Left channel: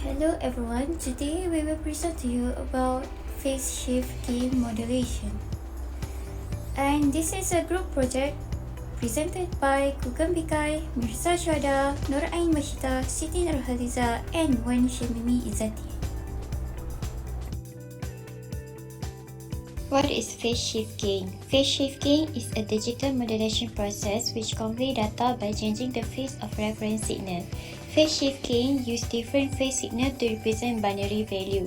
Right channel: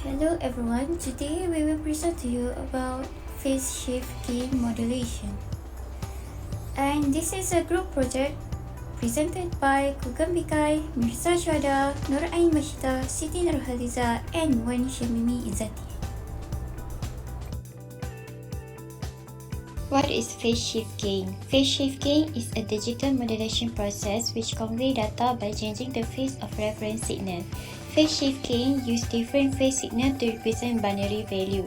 Hello everyone, today we will present to you about phase shift key modulation. And this is a group project presented by Kugam Bikai, Mirza Shwada, Nur Ain Mashita, Siti Nurhaliza, and Wan Shamimi Izzati. What is phase shift keying? Phase shift keying is a digital modulation process which conveys data by changing the phase of reference signal. Phase shift keying uses different phase signal to represent binary value.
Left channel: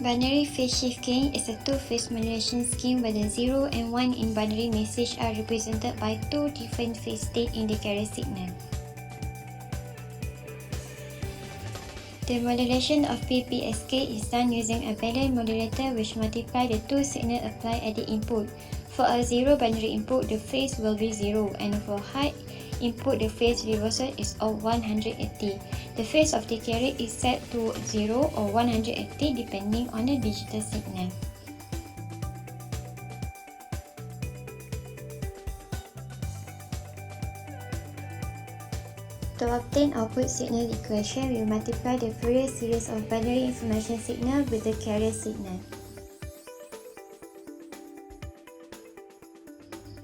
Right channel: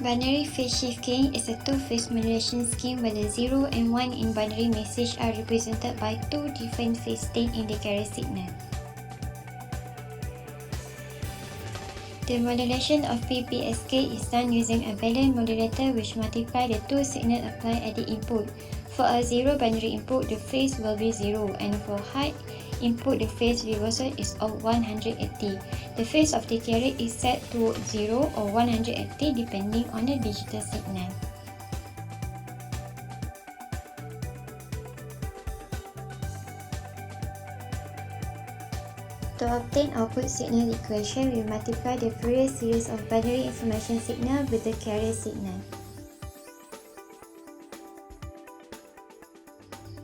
Binary phase shift keying is a two-phase modulation scheme where the 0 and 1 in binary message are represented by two different phase states in the carrier signal. The modulation of BPSK is done using a valence modulator which multiplies the two signals applied at the input. For a zero binary input, the phase will be 0, and for high input, the phase reversal is of 180. The phase of the carrier is set to 0 or 180 depending on the digital signal. To obtain output signal equation, we multiply the Fourier series of binary information signal with the carrier signal.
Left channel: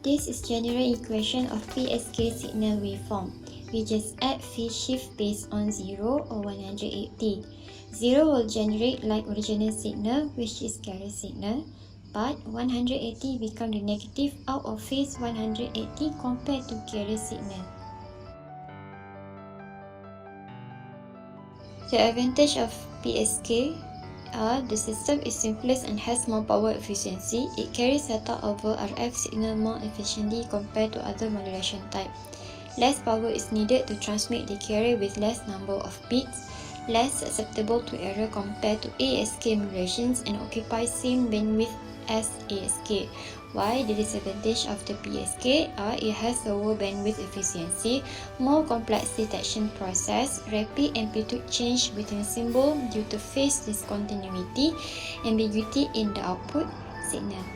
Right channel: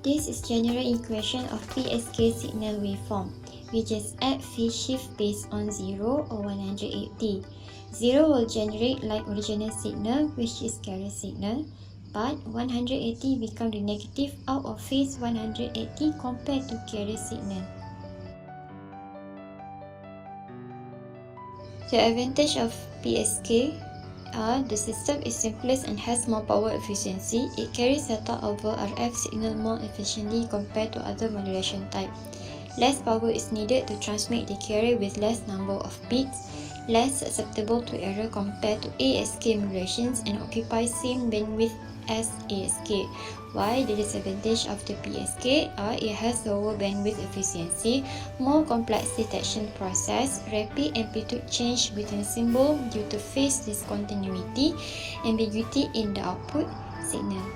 This is general equation of PSK signal waveform. We just add phase shift based on 0 or 180. 0 will generate like original signal, which is carrier signal, but 180 become the negative out of phase 180 compared to carrier signal. The advantage of PSK are the system is simplest and has more power efficiency. It carries data over RF signal more efficiently compared to other modulation type. Less power is needed to transmit the carrier with less number of bits, less susceptible to error compared to ASK modulations, and occupies same bandwidth as ASK. While the disadvantage of the PSK are it has lower bandwidth efficiency, more complex detection process, rapid amplitude change between symbols due to phase discontinuity, ambiguity in the output signal.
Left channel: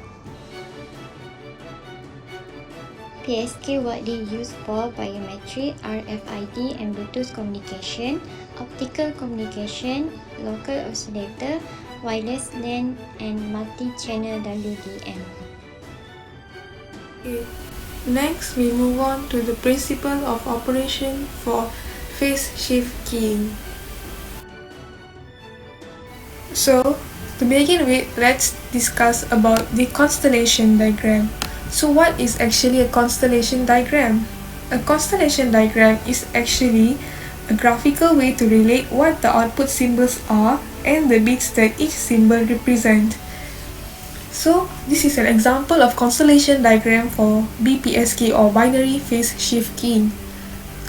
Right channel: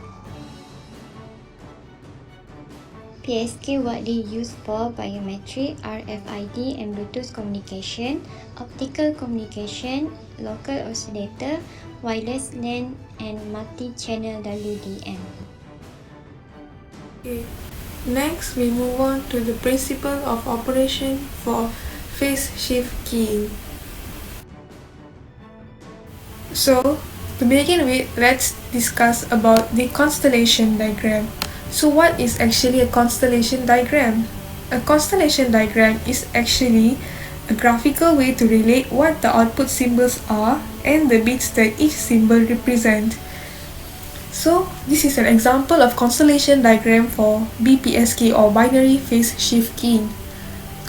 PSK widely used for biometric, RFID and Bluetooth communication, optical communication, local oscillator, wireless LAN and multi-channel WDM. Okay. Next, we move on to the principle of operation for phase shift keying. So, to begin with, let's discuss about the constellation diagram. So, what is actually a constellation diagram? A constellation diagram is actually a graphical way to relate what the output symbols are and the bits that each symbol represent. So, this is an example of constellation diagram for BPSK or binary phase shift keying.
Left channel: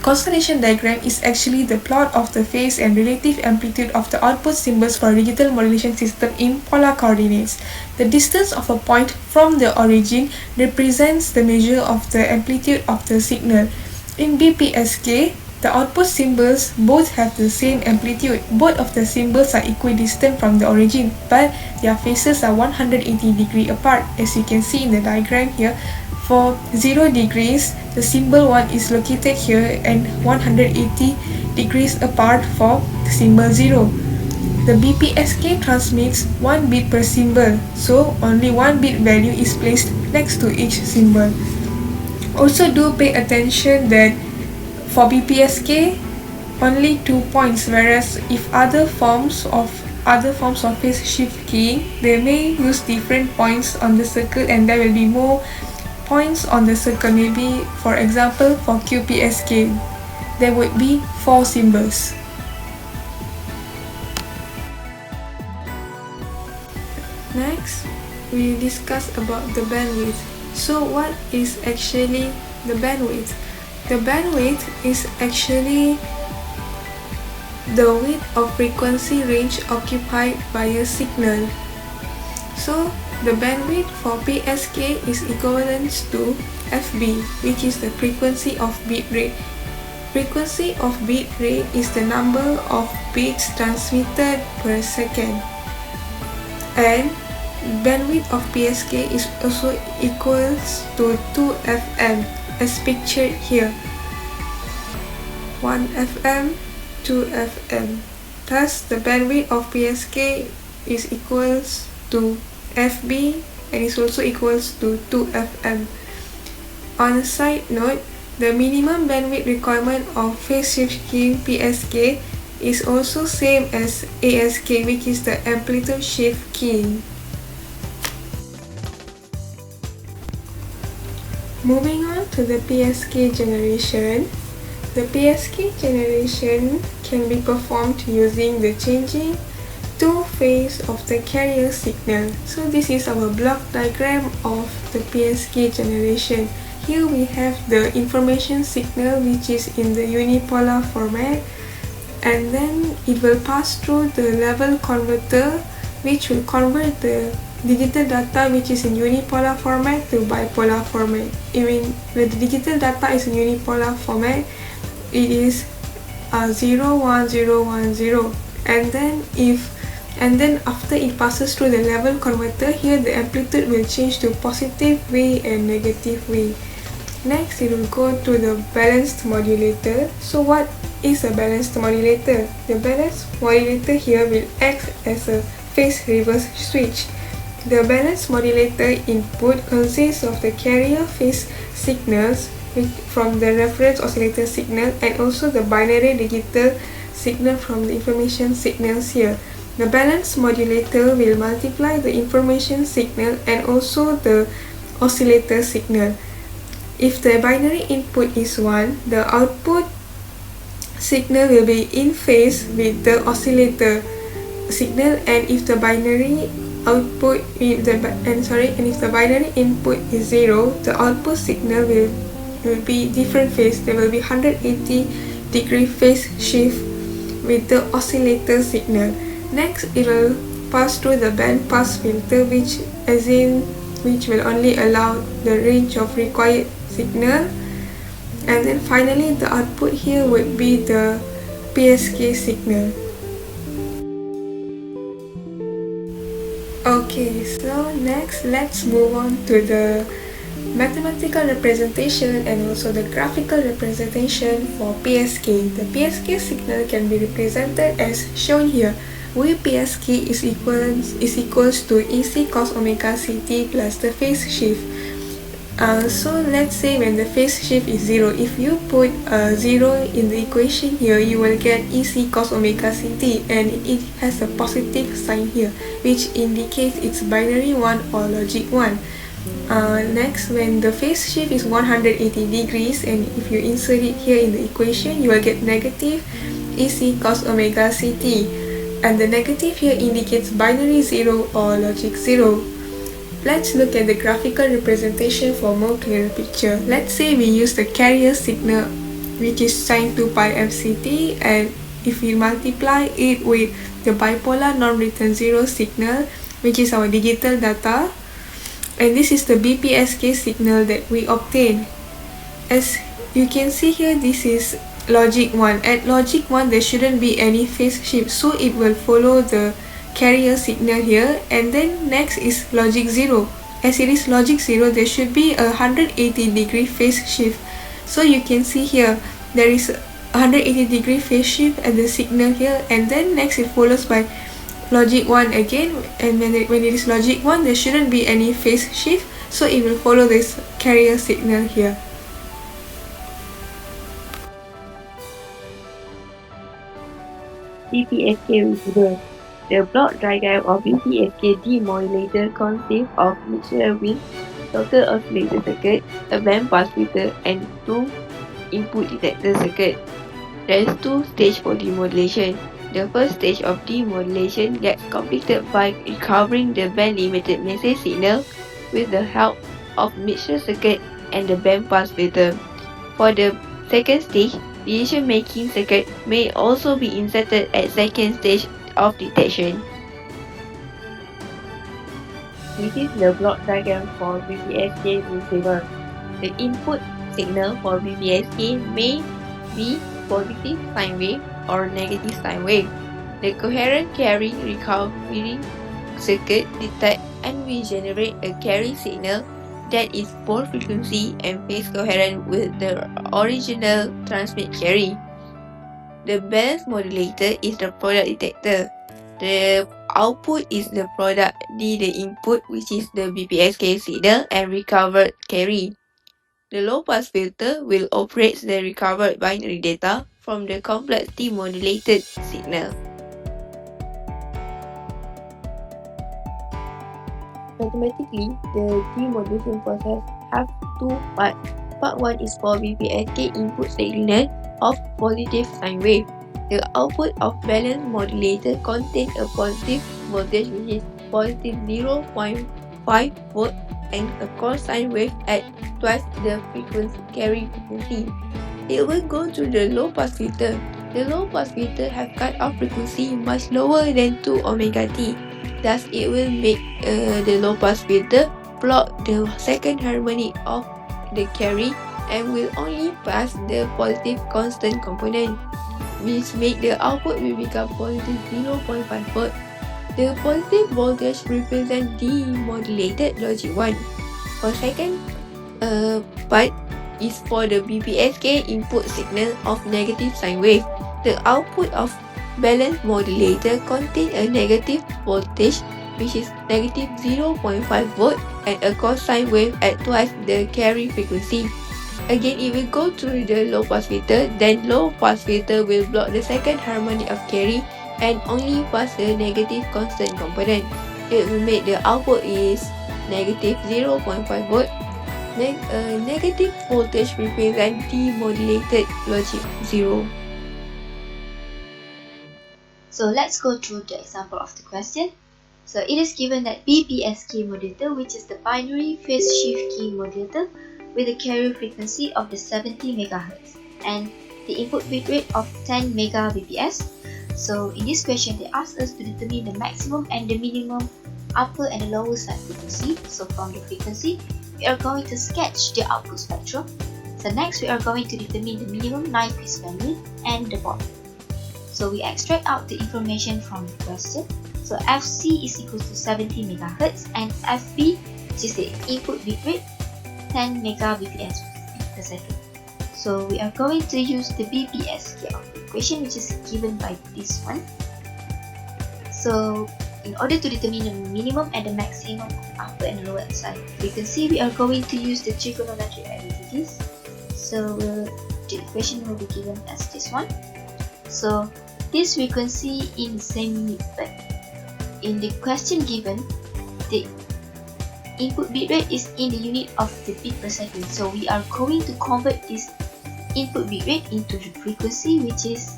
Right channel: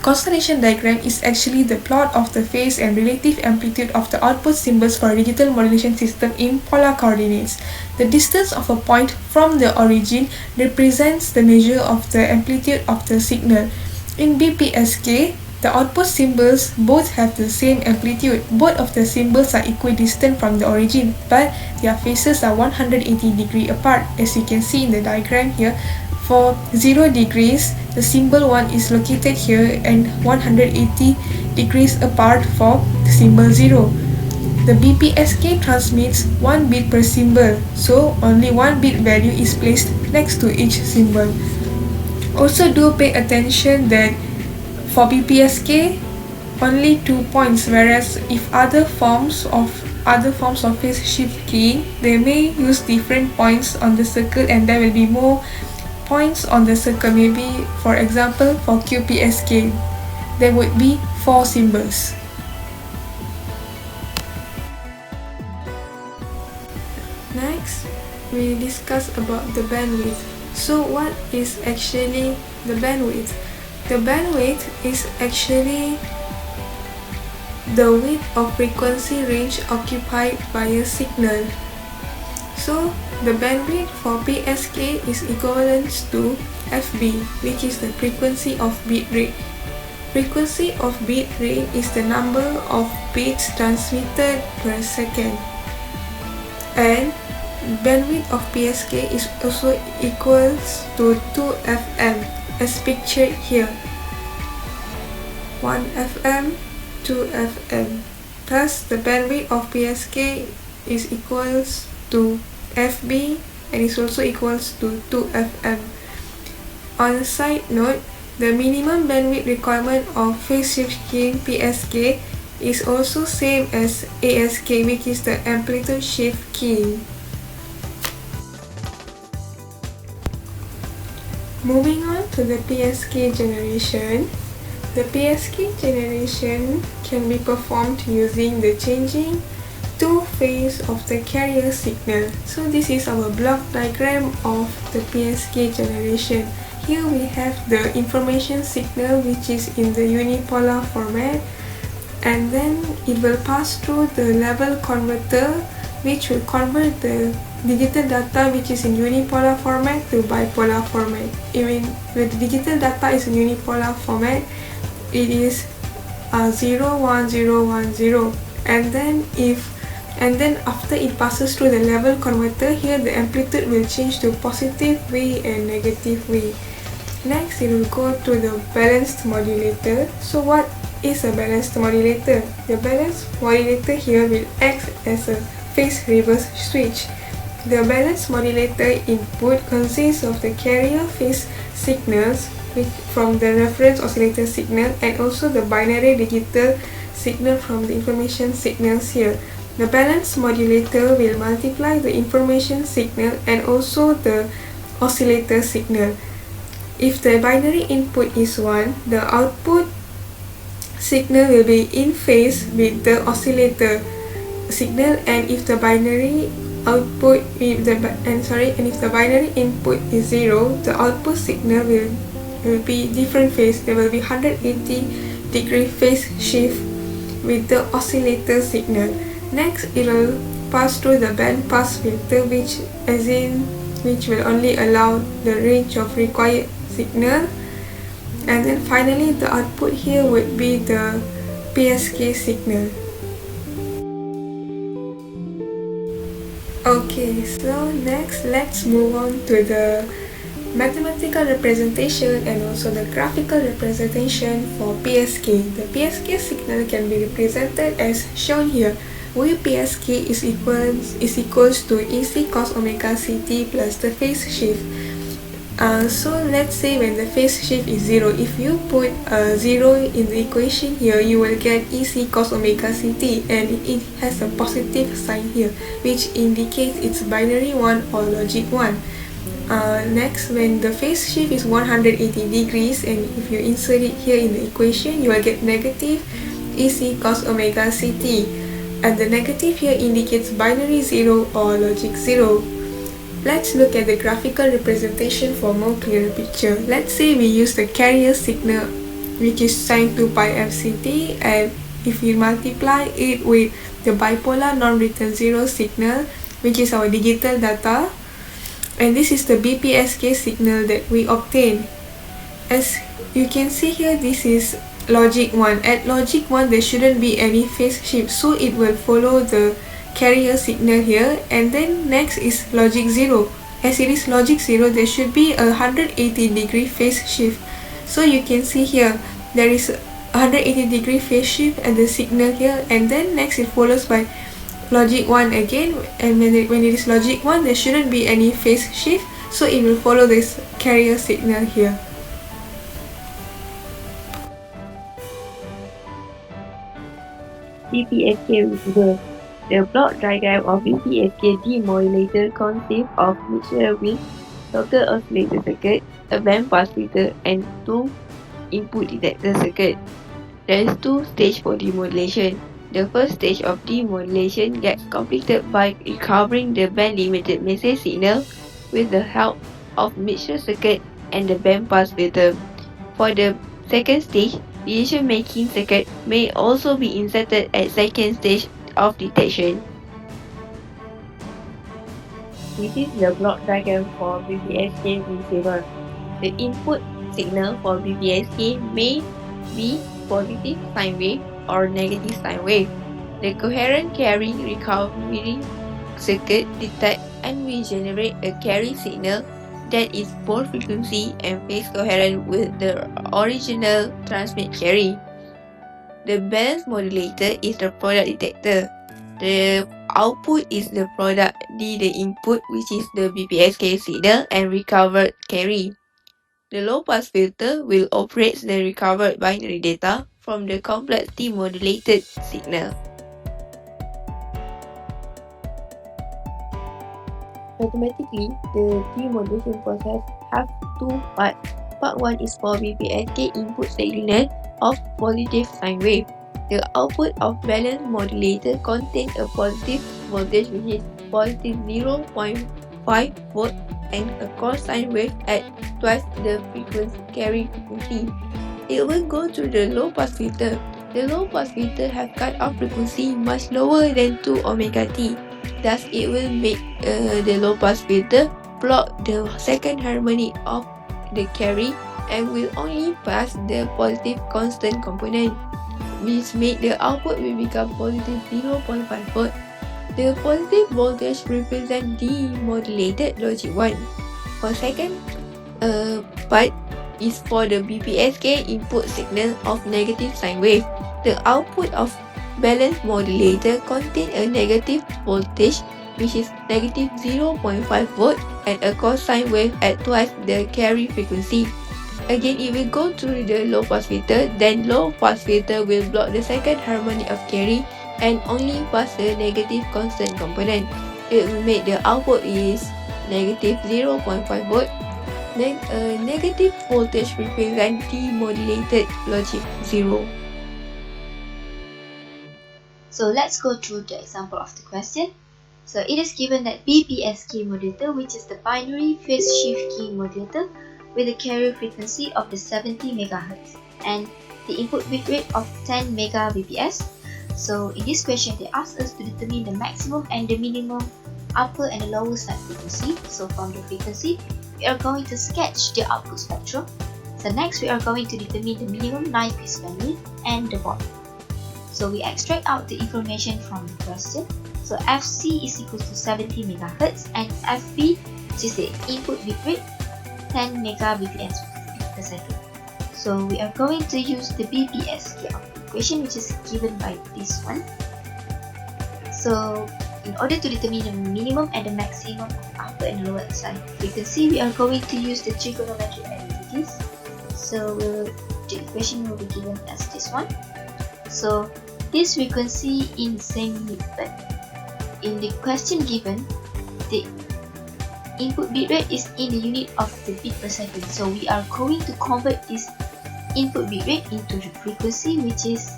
Constellation diagram is actually the plot of the phase and relative amplitude of the output symbols for a digital modulation system in polar coordinates. The distance of a point from the origin represents the measure of the amplitude of the signal. In BPSK, the output symbols both have the same amplitude. Both of the symbols are equidistant from the origin, but their phases are 180 degrees apart. As you can see in the diagram here, for 0 degrees, the symbol 1 is located here and 180 degrees apart for the symbol 0. The BPSK transmits 1 bit per symbol, so only 1 bit value is placed next to each symbol. Also do pay attention that for BPSK, only 2 points, whereas if other forms of phase shift keying, they may use different points on the circle and there will be more points on the circle. Maybe, for example, for QPSK, there would be 4 symbols. Next, we discuss about the bandwidth. So what is actually the bandwidth? The bandwidth is actually the width of frequency range occupied by a signal. So the bandwidth for PSK is equivalent to FB, which is the frequency of bit rate. Frequency of bit rate is the number of bits transmitted per second. And bandwidth of PSK is also equals to 2 FM as pictured here. 1 FM, 2 FM. Thus, the bandwidth of PSK is equals to FB and is also equals to 2FM. On a side note, the minimum bandwidth requirement of phase shift keying PSK is also same as ASK, which is the amplitude shift keying. Moving on to the PSK generation. The PSK generation can be performed using the changing two phase of the carrier signal. So this is our block diagram of the PSK generation. Here we have the information signal, which is in the unipolar format, and then it will pass through the level converter, which will convert the digital data which is in unipolar format to bipolar format. When the digital data is in unipolar format, it is 0 1 0 1 0, and then after it passes through the level converter, here the amplitude will change to positive V and negative V. Next, it will go to the balanced modulator. So what is a balanced modulator? The balanced modulator here will act as a phase reverse switch. The balanced modulator input consists of the carrier phase signals from the reference oscillator signal and also the binary digital signal from the information signals here. The balanced modulator will multiply the information signal and also the oscillator signal. If the binary input is 1, the output signal will be in phase with the oscillator signal, and if the binary output if the binary input is 0, the output signal will be different phase. There will be 180-degree phase shift with the oscillator signal. Next, it will pass through the band pass filter, which will only allow the range of required signal, and then finally the output here would be the PSK signal. Okay, so next let's move on to the mathematical representation and also the graphical representation for PSK. The PSK signal can be represented as shown here. VPSK is equals to EC cos omega CT plus the phase shift. So let's say when the phase shift is 0, if you put 0 in the equation here, you will get EC cos omega CT, and it has a positive sign here, which indicates it's binary 1 or logic 1. Next, when the phase shift is 180 degrees, and if you insert it here in the equation, you will get negative EC cos omega CT, and the negative here indicates binary 0 or logic 0. Let's look at the graphical representation for more clearer picture. Let's say we use the carrier signal, which is sin 2 pi MCT, and if we multiply it with the bipolar non-return 0 signal, which is our digital data, and this is the BPSK signal that we obtain. As you can see here, this is logic 1. At logic 1, there shouldn't be any phase shift, so it will follow the carrier signal here, and then next is logic 0. As it is logic 0, there should be a 180-degree phase shift. So you can see here, there is a 180-degree phase shift at the signal here, and then next it follows by logic 1 again, and when it is logic 1, there shouldn't be any phase shift, so it will follow this carrier signal here. BPSK receiver. The block diagram of BPSK demodulator consists of mixture with total oscillator circuit, a band pass filter, and 2 input detector circuit. There is 2 stages for demodulation. The first stage of demodulation gets completed by recovering the band-limited message signal with the help of mixture circuit and the band pass filter. For the second stage, decision-making circuit may also be inserted at second stage of detection. This is the block diagram for BPSK receiver. The input signal for BPSK may be positive sine wave or negative sine wave. The coherent carry recovery circuit detects and will generate a carry signal that is both frequency and phase coherent with the original transmit carry. The balance modulator is the product detector. The output is the product D, the input, which is the BPSK signal and recovered carry. The low-pass filter will operate the recovered binary data from the complex demodulated signal. Mathematically, the demodulation process has two parts. Part 1 is for BPSK input signal of positive sine wave. The output of balanced modulator contains a positive voltage which is positive 0.5 volt and a cosine wave at twice the carry frequency. It will go to the low pass filter. The low pass filter have cut-off frequency much lower than 2 omega t. Thus, it will make the low pass filter block the second harmonic of the carry and will only pass the positive constant component, which make the output will become positive 0.5 volt. The positive voltage represent demodulated logic 1. For second part is for the BPSK input signal of negative sine wave. The output of balanced modulator contain a negative voltage which is negative 0.5 volt and a cosine wave at twice the carry frequency. Again, it will go through the low pass filter, then low pass filter will block the second harmonic of carry and only pass the negative constant component. It will make the output is negative 0.5 volt. Negative voltage represent demodulated logic 0. So let's go through the example of the question. So it is given that BPSK modulator, which is the binary phase shift key modulator with a carrier frequency of the 70 MHz and the input bit rate of 10 Mbps. So in this question, they ask us to determine the maximum and the minimum upper and the lower side frequency. So from the frequency, we are going to sketch the output spectrum. So next, we are going to determine the minimum line phase bandwidth and the baud. So we extract out the information from the question. So FC is equal to 70 MHz and FB, which is the input bit rate, 10 Mbps per second. So we are going to use the BPSK output equation, which is given by this one. So in order to determine the minimum and the maximum upper and lower side frequency, we are going to use the trigonometric identities. So the equation will be given as this one. So this frequency in the same unit, but in the question given, the input bit rate is in the unit of the bit per second. So we are going to convert this input bit rate into the frequency, which is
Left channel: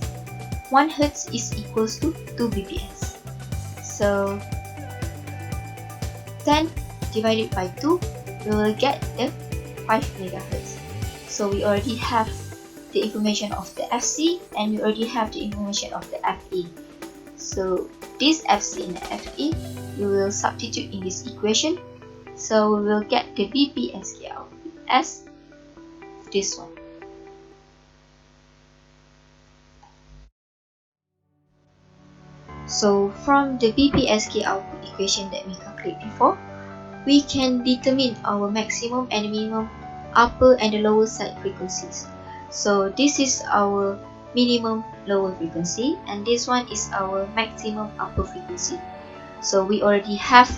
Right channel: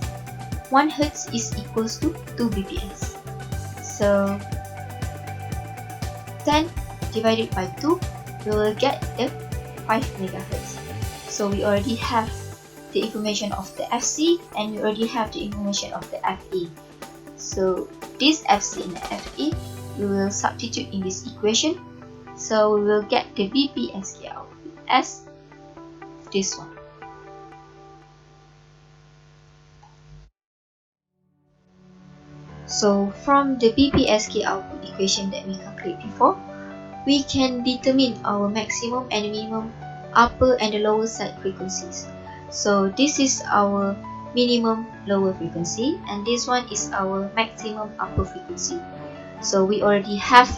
1 Hz is equals to 2 bps. So 10 divided by 2, we will get the 5 MHz. So we already have the information of the FC and we already have the information of the FE. So this FC and the FE, we will substitute in this equation. So we will get the BPSK output as this one. So from the BPSK output equation that we calculated before, we can determine our maximum and minimum upper and the lower side frequencies. So this is our minimum lower frequency and this one is our maximum upper frequency. So we already have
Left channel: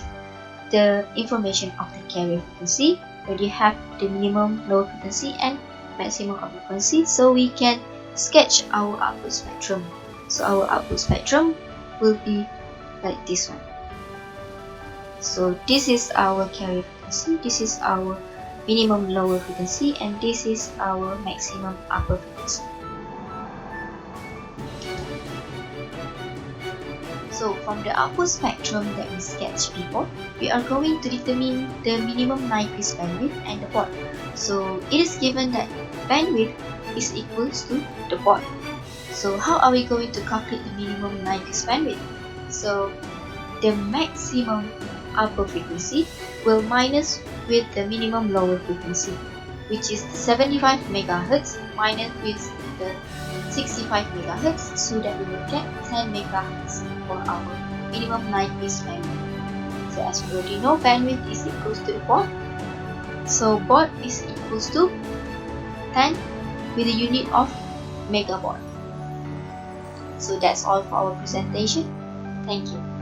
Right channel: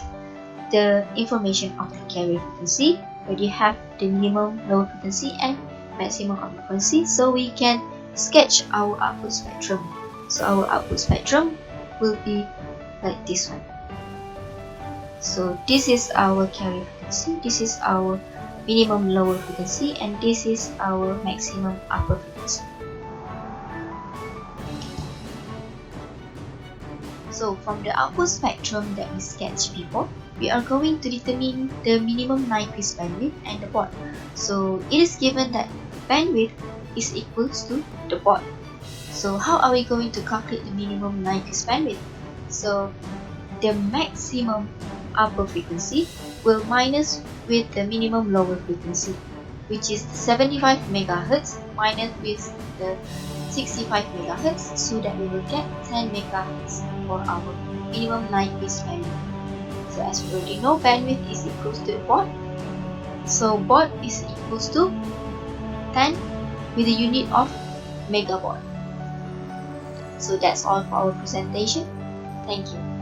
the information of the carrier frequency, already have the minimum lower frequency and maximum upper frequency, so we can sketch our output spectrum. So our output spectrum will be like this one. So this is our carrier frequency, this is our minimum lower frequency, and this is our maximum upper frequency. So from the output spectrum that we sketched before, we are going to determine the minimum line phase bandwidth and the baud. So it is given that bandwidth is equals to the baud. So how are we going to calculate the minimum line phase bandwidth? So the maximum upper frequency will minus with the minimum lower frequency, which is the 75 MHz minus with the 65 MHz, so that we will get 10 MHz for our minimum line phase bandwidth. So as we already know, bandwidth is equals to the baud. So baud is equals to 10 with the unit of megabaud. So that's all for our presentation. Thank you.